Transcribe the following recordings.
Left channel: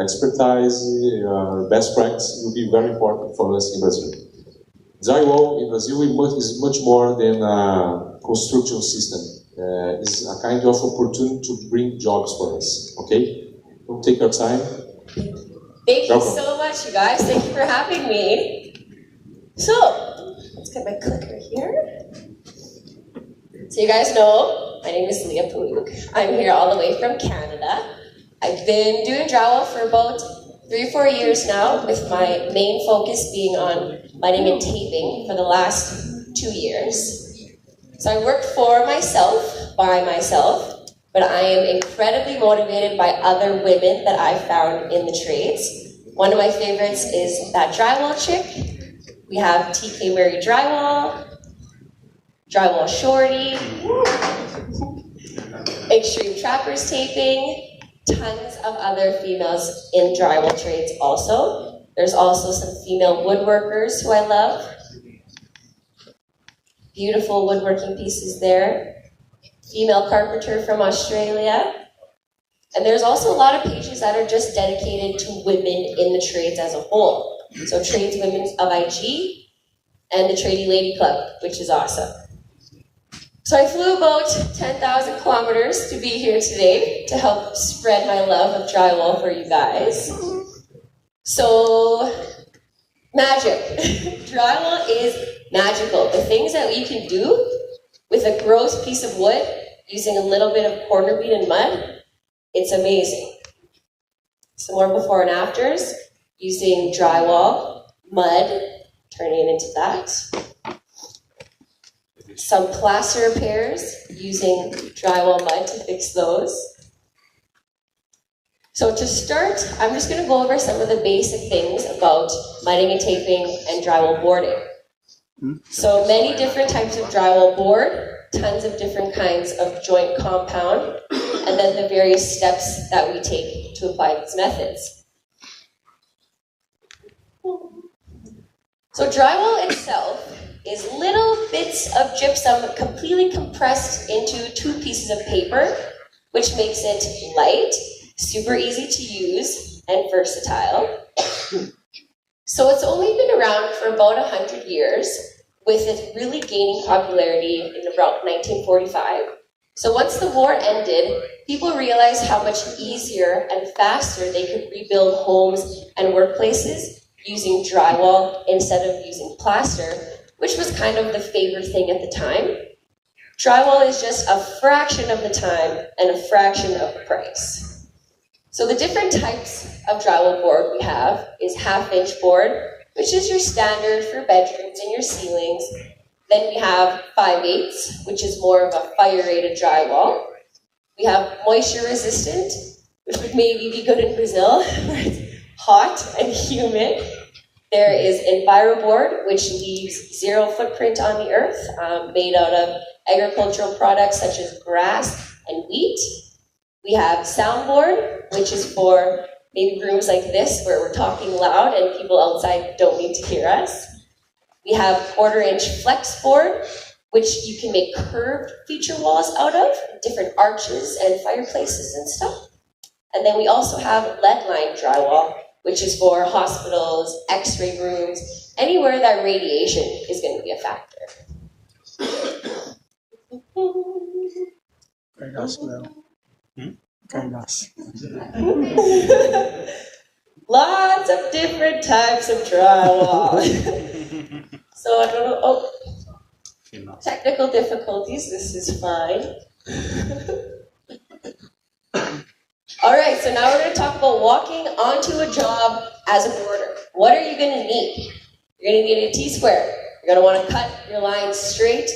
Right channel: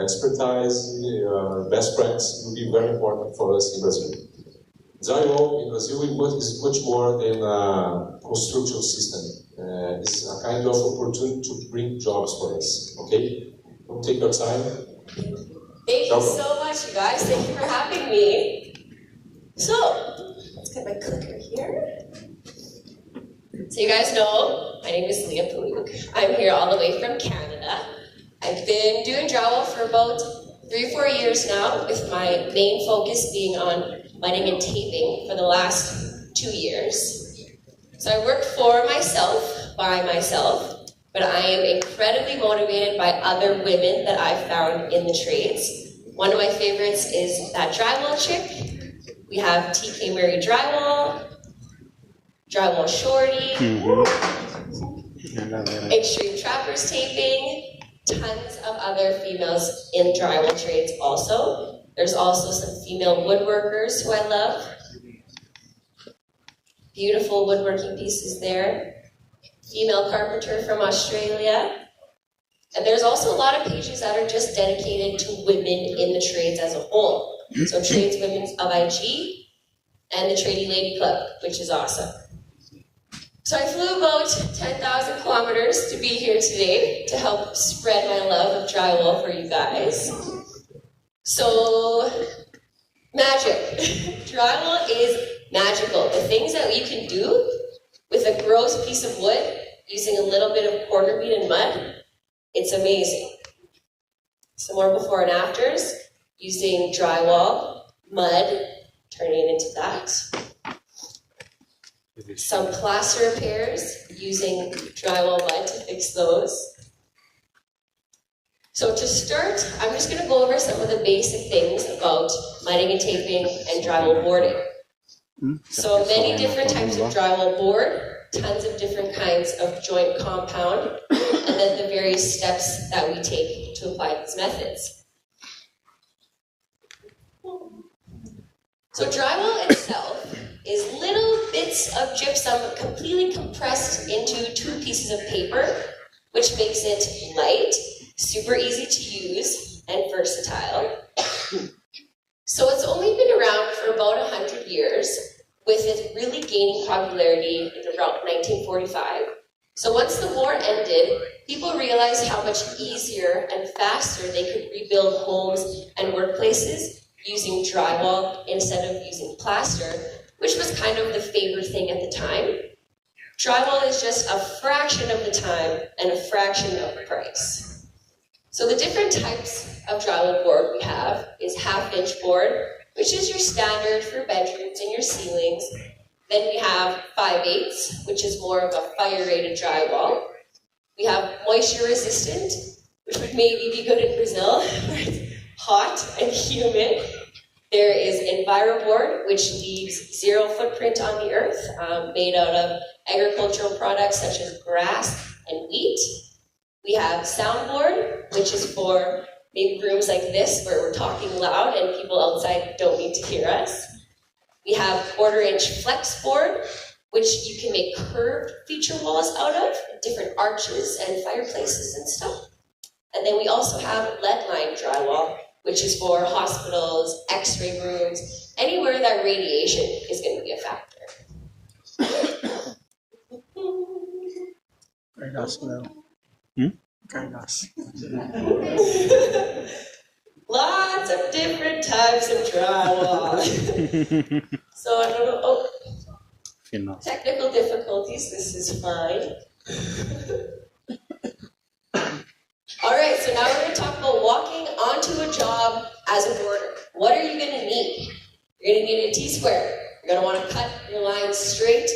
expertise, best practice will be very important for us in Brazil. Drywall in Brazil is much more than a construction system. It's a kind of opportunity to bring jobs for us. Okay? Don't take your time. Thank you so much, you guys. Thank you for having me. So, let's get my clicker here. So you guys know, my name is Leah Paluk. I'm here all the way from Canada. I've been doing drywall for about 3 or 4 years now, with my main focus being on mudding and taping for the last 2 years. So I work for myself, by myself, but I am incredibly motivated by other women that I've found in the trades. One of my favorites is that drywall chick. We have TK Murray Drywall, Drywall Shorty, Extreme Trappers Taping, tons of other females in drywall trades also. There's also some female woodworkers who I love. Beautiful woodworking pieces there. Female carpenter from Australia. And there's also a lot of pages that are just dedicated to women in the trades as a whole. So Tradeswomen of IG and the Tradie Lady Club, which is awesome. So I flew about 10,000 kilometers to be here today to help spread my love of drywall for you guys. So, magic. Drywall is magical. The things that you can do with a gross piece of wood using a little bit of quarter bead and mud, it's amazing. Some more before and afters, using drywall, mud, turning it into that. Some plaster repairs, using drywall mud to fix those. So to start, I'm just going to go over some of the basic things about mudding and taping and drywall boarding. So many different types of drywall board, tons of different kinds of joint compound, and then the various steps that we take to apply these methods. So drywall itself is little bits of gypsum completely compressed into 2 pieces of paper, which makes it light, super easy to use, and versatile. So it's only been around for about 100 years, with it really gaining popularity in about 1945. So once the war ended, people realized how much easier and faster they could rebuild homes and workplaces using drywall instead of using plaster, which was kind of the favorite thing at the time. Drywall is just a fraction of the time and a fraction of the price. So the different types of drywall board we have is 1/2-inch board, which is your standard for bedrooms and your ceilings. Then we have 5/8, which is more of a fire-rated drywall. We have moisture-resistant, which would maybe be good in Brazil, where it's hot and humid. There is EnviroBoard, which leaves 0 footprint on the earth, made out of agricultural products such as grass and wheat. We have Soundboard, which is for maybe rooms like this where we're talking loud and people outside don't need to hear us. We have 1/4-inch flex board, which you can make curved feature walls out of, different arches and fireplaces and stuff. And then we also have lead-lined drywall, which is for hospitals, x-ray rooms, anywhere that radiation is going to be a factor. Very nice, Leo. Very nice. Lots of different types of drywall. So I don't know. Technical difficulties. This is fine. All right, so now we're going to talk about walking onto a job as a boarder. What are you going to need? You're going to need a T-square. You're going to want to cut your lines straight,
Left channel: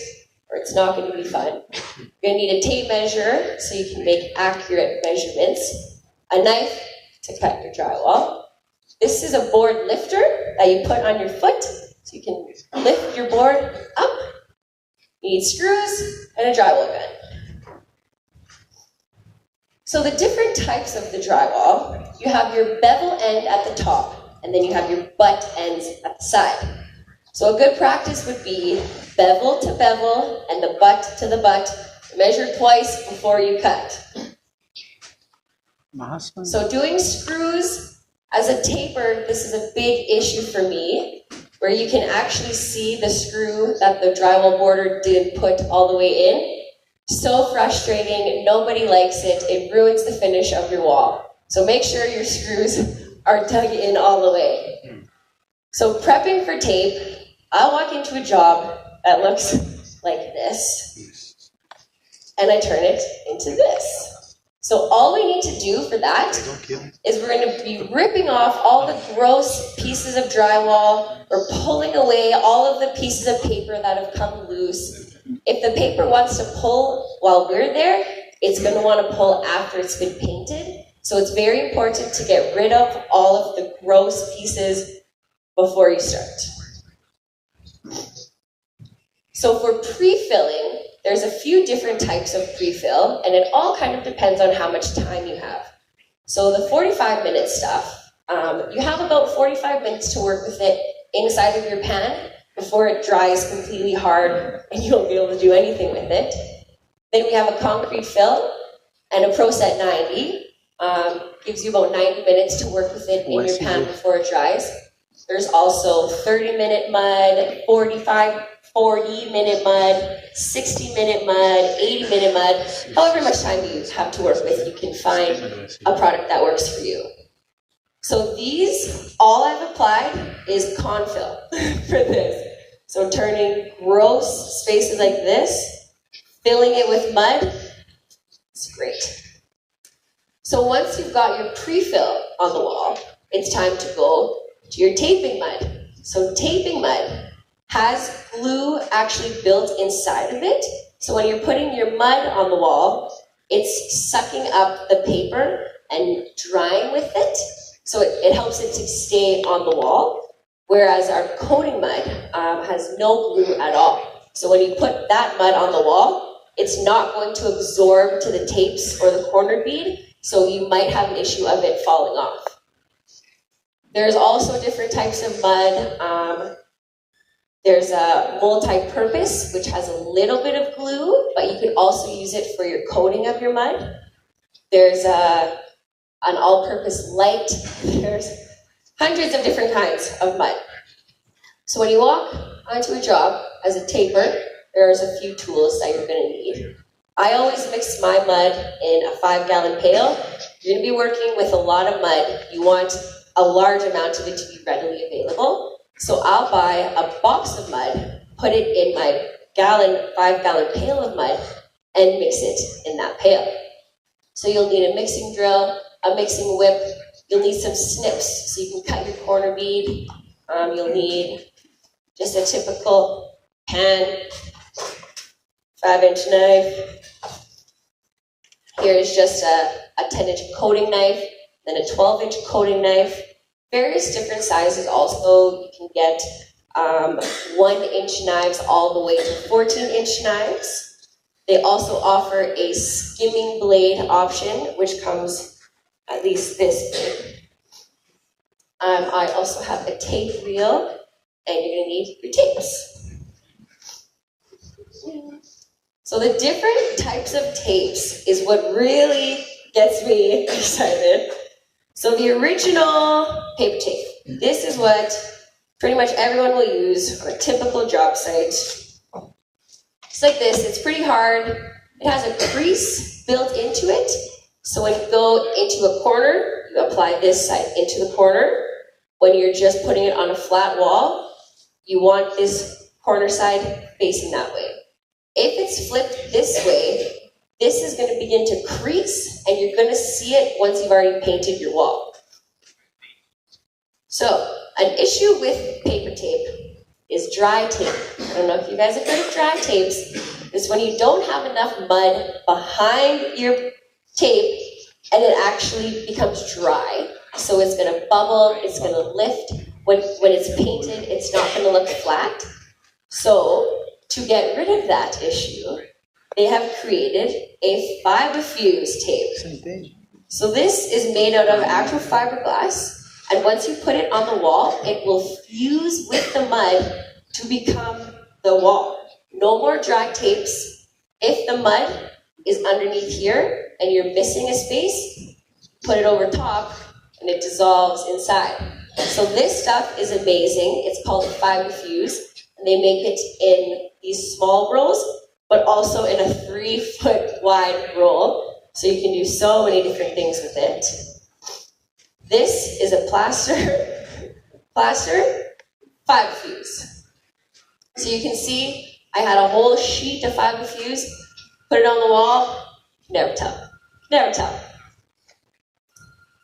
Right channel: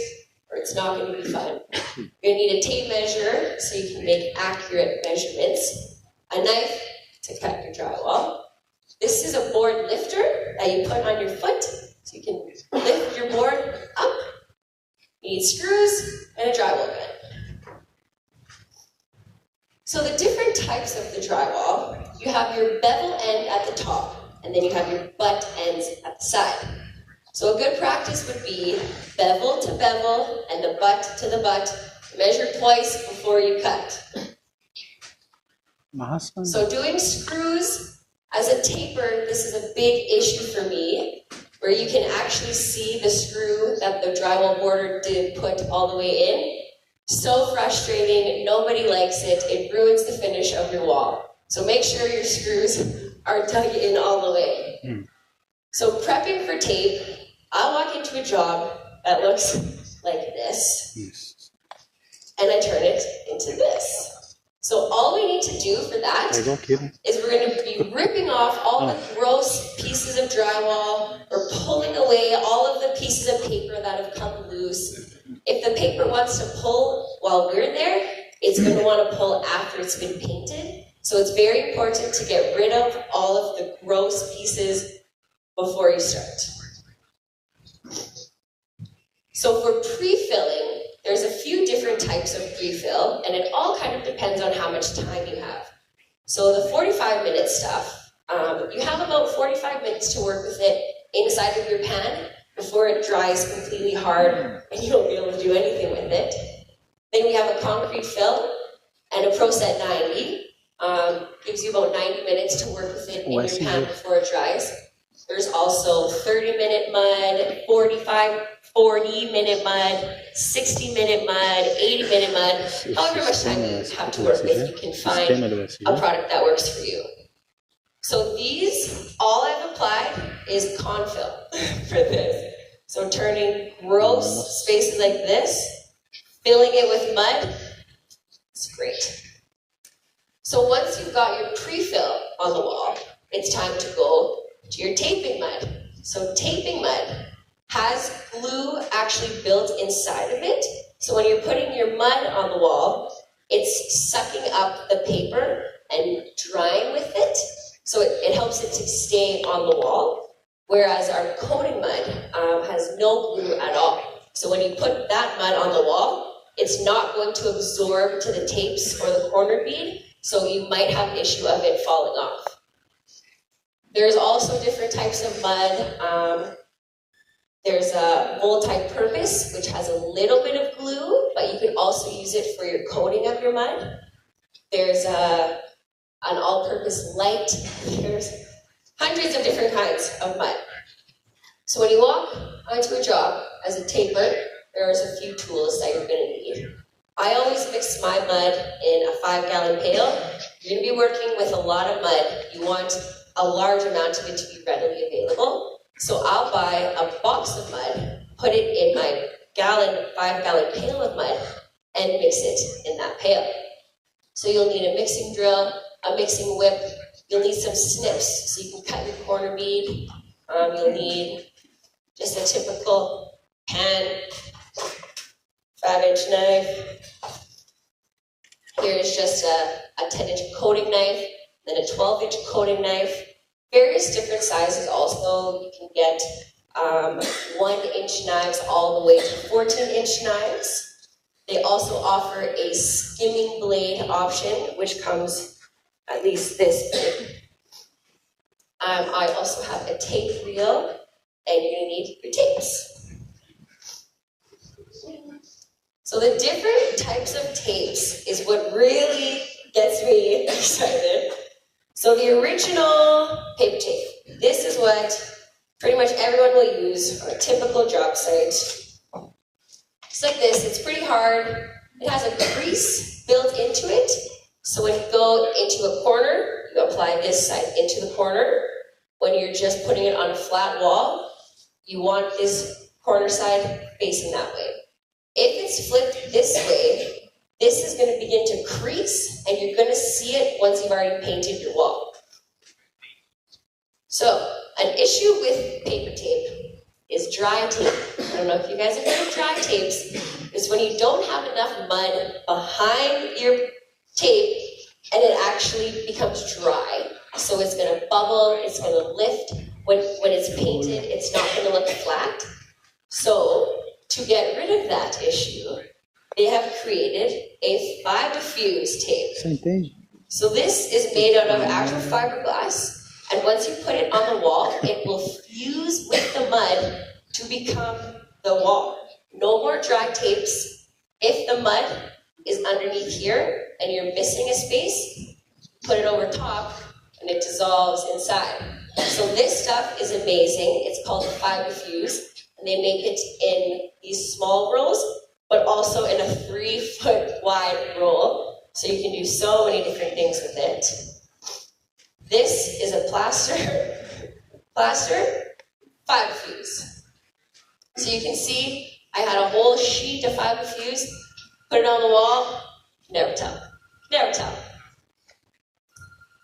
or it's not going to be fun. You're going to need a tape measure so you can make accurate measurements. A knife to cut your drywall. This is a board lifter that you put on your foot so you can lift your board up. You need screws and a drywall gun. So the different types of the drywall, you have your bevel end at the top, and then you have your butt ends at the side. So a good practice would be bevel to bevel and the butt to the butt. Measure twice before you cut. So doing screws a taper, this is a big issue for me, where you can actually see the screw that the drywall border did put all the way in. So frustrating, nobody likes it, it ruins the finish of your wall. So make sure your screws are dug in all the way. So prepping for tape, I'll walk into a job that looks like this, and I turn it into this. So all we need to do for that is we're going to be ripping off all the gross pieces of drywall, or pulling away all of the pieces of paper that have come loose. If the paper wants to pull while we're there, it's going to want to pull after it's been painted. So it's very important to get rid of all of the gross pieces before you start. So for pre-filling, there's a few different types of pre-fill, and it all kind of depends on how much time you have. So the 45-minute stuff, you have about 45 minutes to work with it inside of your pan before it dries completely hard and you won't be able to do anything with it. Then we have a concrete fill and a Pro Set 90. Gives you about 90 minutes to work with it in your pan before it dries. There's also 30-minute mud, 40-minute mud, 60-minute mud, 80-minute mud. However much time you have to work with, you can find a product that works for you. So these, all I've applied is confill for this. So turning gross spaces like this, filling it with mud, it's great. So once you've got your pre-fill on the wall, it's time to go to your taping mud. So taping mud has glue actually built inside of it. So when you're putting your mud on the wall, it's sucking up the paper and drying with it. So it helps it to stay on the wall. Whereas our coating mud has no glue at all. So when you put that mud on the wall, it's not going to absorb to the tapes or the corner bead. So you might have an issue of it falling off. There's also different types of mud. There's a multi-purpose, which has a little bit of glue, but you can also use it for your coating of your mud. There's an all-purpose light. There's hundreds of different kinds of mud. So when you walk onto a job as a taper, there's a few tools that you're going to need. I always mix my mud in a 5-gallon pail. You're going to be working with a lot of mud. You want a large amount of it to be readily available. So I'll buy a box of mud, put it in my 5-gallon pail of mud, and mix it in that pail. So you'll need a mixing drill, a mixing whip. You'll need some snips so you can cut your corner bead. You'll need just a typical pan, 5-inch knife. Here's just a 10-inch coating knife, then a 12-inch coating knife. Various different sizes also. You can get 1-inch knives all the way to 14-inch knives. They also offer a skimming blade option, which comes at least this big. I also have a tape reel, and you're going to need your tapes. So the different types of tapes is what really gets me excited. So the original paper tape. This is what pretty much everyone will use on a typical job site. It's like this. It's pretty hard. It has a crease built into it. So when you go into a corner, you apply this side into the corner. When you're just putting it on a flat wall, you want this corner side facing that way. If it's flipped this way, this is going to begin to crease, and you're going to see it once you've already painted your wall. So, an issue with paper tape is dry tape. I don't know if you guys have heard of dry tapes. It's when you don't have enough mud behind your tape, and it actually becomes dry. So it's going to bubble, it's going to lift. When it's painted, it's not going to look flat. So, to get rid of that issue, they have created a fiber fuse tape. So this is made out of actual fiberglass, and once you put it on the wall, it will fuse with the mud to become the wall. No more dry tapes. If the mud is underneath here and you're missing a space, put it over top, and it dissolves inside. So this stuff is amazing. It's called fiber fuse, and they make it in these small rolls, but also in a 3-foot wide roll, so you can do so many different things with it. This is a plaster fiber fuse. So you can see I had a whole sheet of fiber fuse, put it on the wall, never tell.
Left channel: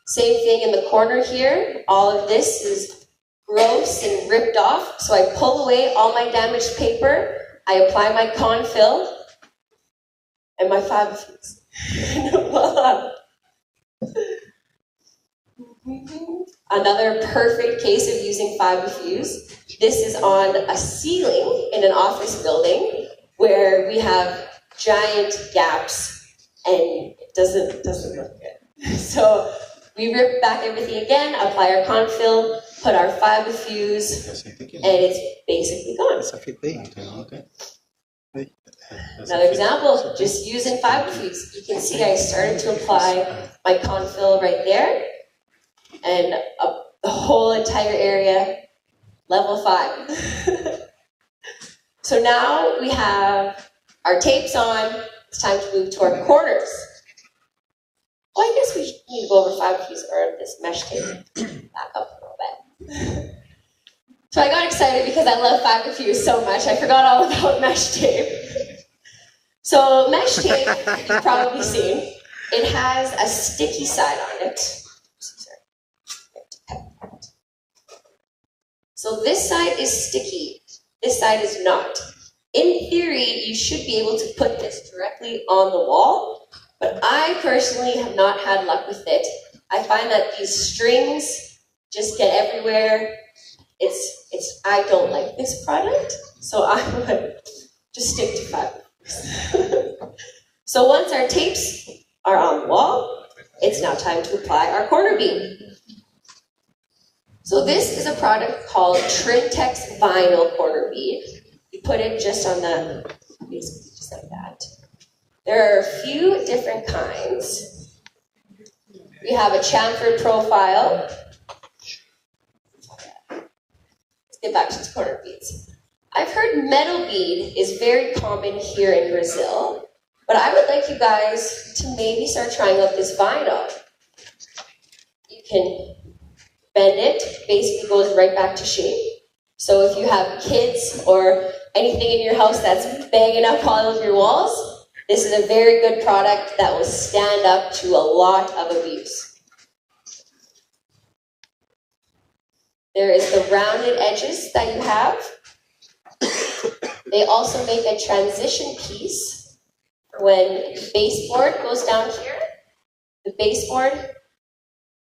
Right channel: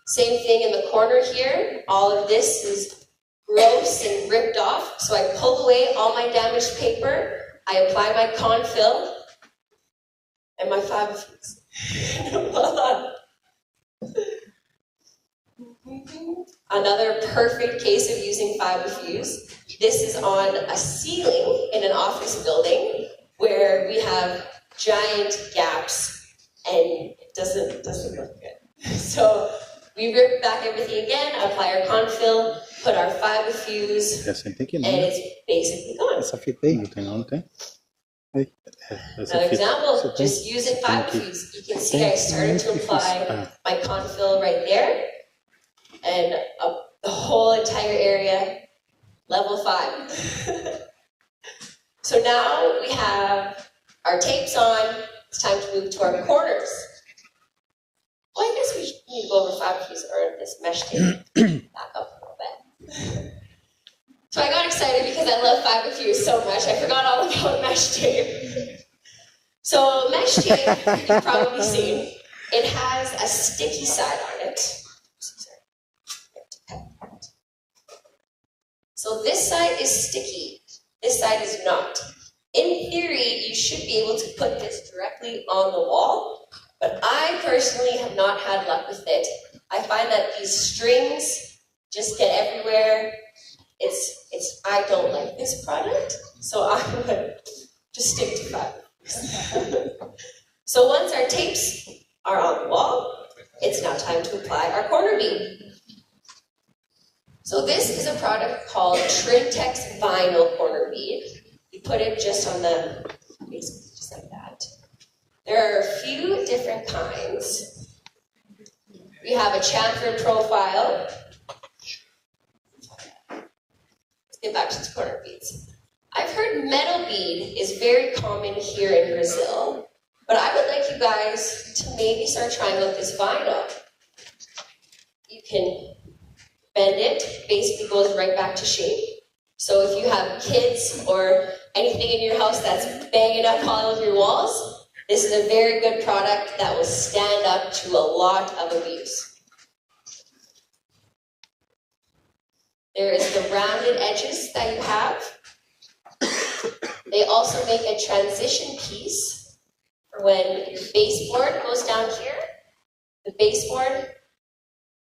Same thing in the corner here. All of this is gross and ripped off, so I pull away all my damaged paper, I apply my confill, and my fiber fuse. Another perfect case of using fiber fuse. This is on a ceiling in an office building where we have giant gaps and it doesn't look good. So we rip back everything again, apply our confill, put our fiber fuse, and it's basically gone. Another example, just using fiber fuse. You can see I started to apply my confill right there, and the whole entire area, level 5. So now we have our tapes on. It's time to move to our corners. Well, I guess we should need to go over fiber fuse or this mesh tape. Back up a little bit. So I got excited because I love fiber fuse so much. I forgot all about mesh tape. So mesh tape, you've probably seen, it has a sticky side on it. So this side is sticky, this side is not. In theory, you should be able to put this directly on the wall, but I personally have not had luck with it. I find that these strings just get everywhere. I don't like this product, so I would just stick to fiber. So once our tapes are on the wall, it's now time to apply our corner beam. So this is a product called Trimtex Vinyl Corner Bead. You put it just on the, basically just like that. There are a few different kinds. We have a chamfered profile. Let's get back to the corner beads. I've heard metal bead is very common here in Brazil, but I would like you guys to maybe start trying out this vinyl. You can bend it, basically goes right back to shape. So if you have kids or anything in your house that's banging up all of your walls, this is a very good product that will stand up to a lot of abuse. There is the rounded edges that you have. They also make a transition piece for when your baseboard goes down here. The baseboard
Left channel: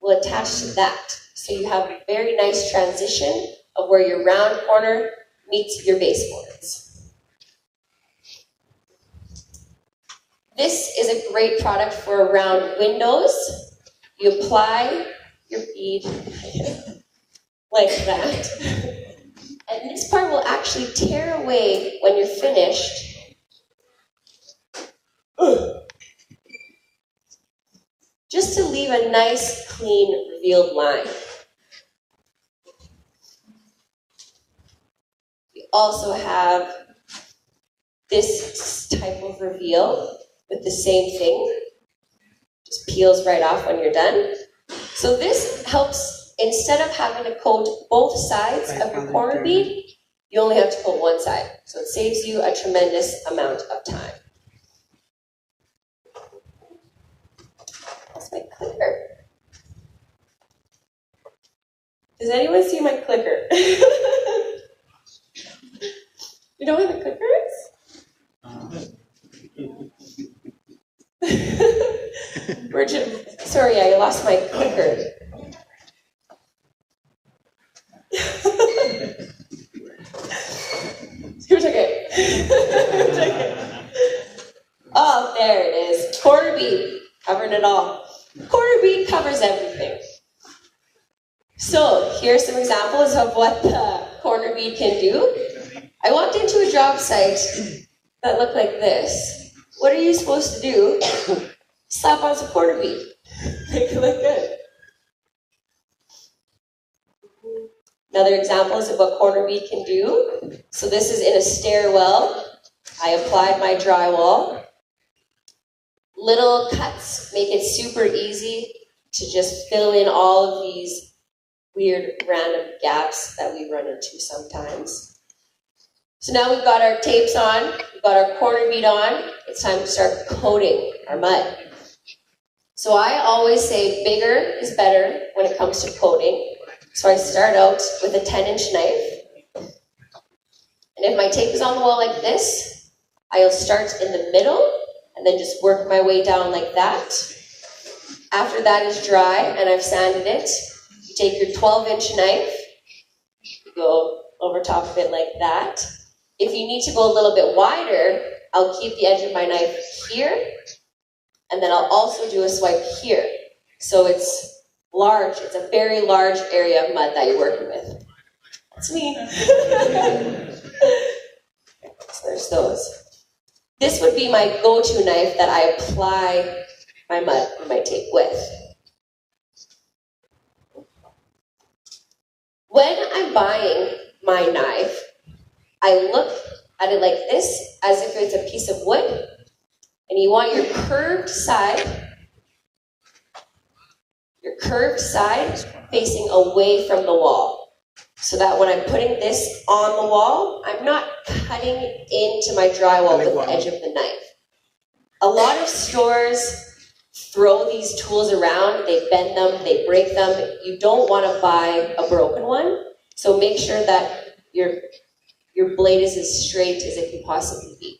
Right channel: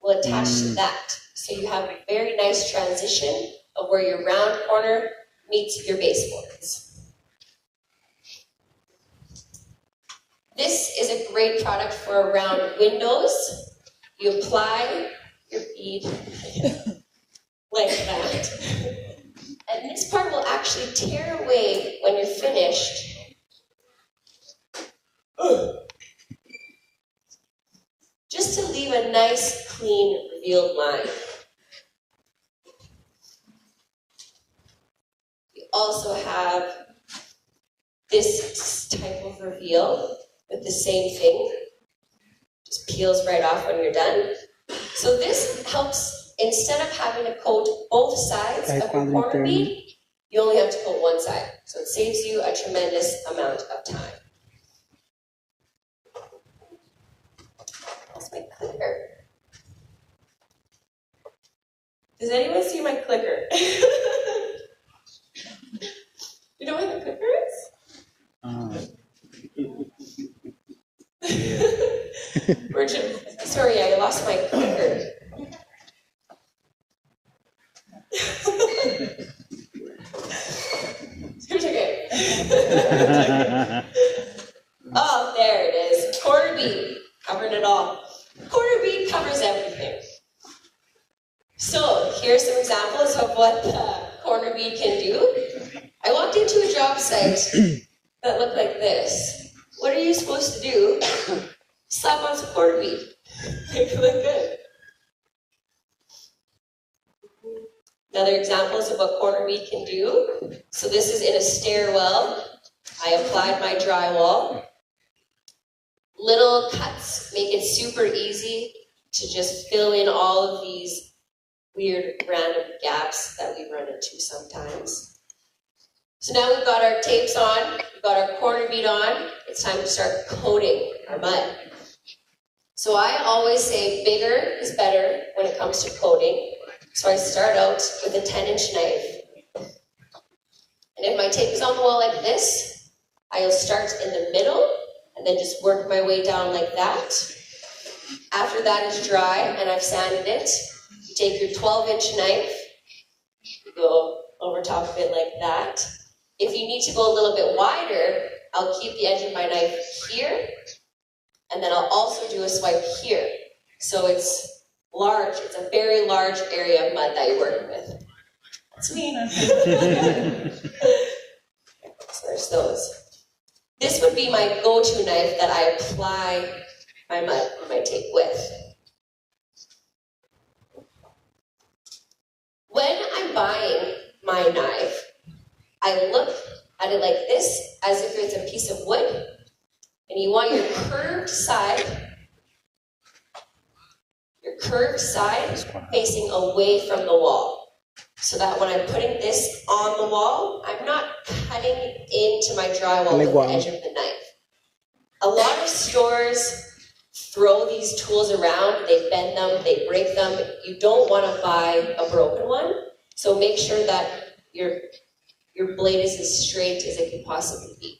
will attach to that. So you have a very nice transition of where your round corner meets your baseboards. This is a great product for around windows. You apply your bead like that. And this part will actually tear away when you're finished. Just to leave a nice, clean, revealed line. We also have this type of reveal with the same thing. Just peels right off when you're done. So this helps. Instead of having to coat both sides of your corner bead, you only have to coat one side. So it saves you a tremendous amount of time. That's my clicker. Does anyone see my clicker? You know what the clicker is? Sorry, I lost my clicker. Who took it? Oh, there it is. Corner bead. Covered it all. Corner bead covers everything. So, here's some examples of what the corner bead can do. I walked into a job site that looked like this. What are you supposed to do? Slap on some corner bead. Make it look good. Another example is of what corner bead can do. So this is in a stairwell. I applied my drywall. Little cuts make it super easy to just fill in all of these weird random gaps that we run into sometimes. So now we've got our tapes on, we've got our corner bead on, it's time to start coating our mud. So I always say bigger is better when it comes to coating. So I start out with a 10-inch knife. And if my tape is on the wall like this, I'll start in the middle and then just work my way down like that. After that is dry and I've sanded it, you take your 12-inch knife, you go over top of it like that. If you need to go a little bit wider, I'll keep the edge of my knife here, and then I'll also do a swipe here. So it's large, it's a very large area of mud that you're working with. That's me. So there's those. This would be my go-to knife that I apply my mud or my tape with. When I'm buying my knife, I look at it like this, as if it's a piece of wood, and you want your curved side facing away from the wall, so that when I'm putting this on the wall, I'm not cutting into my drywall with the edge of the knife. A lot of stores throw these tools around, they bend them, they break them. You don't want to buy a broken one, so make sure that your blade is as straight as it can possibly be.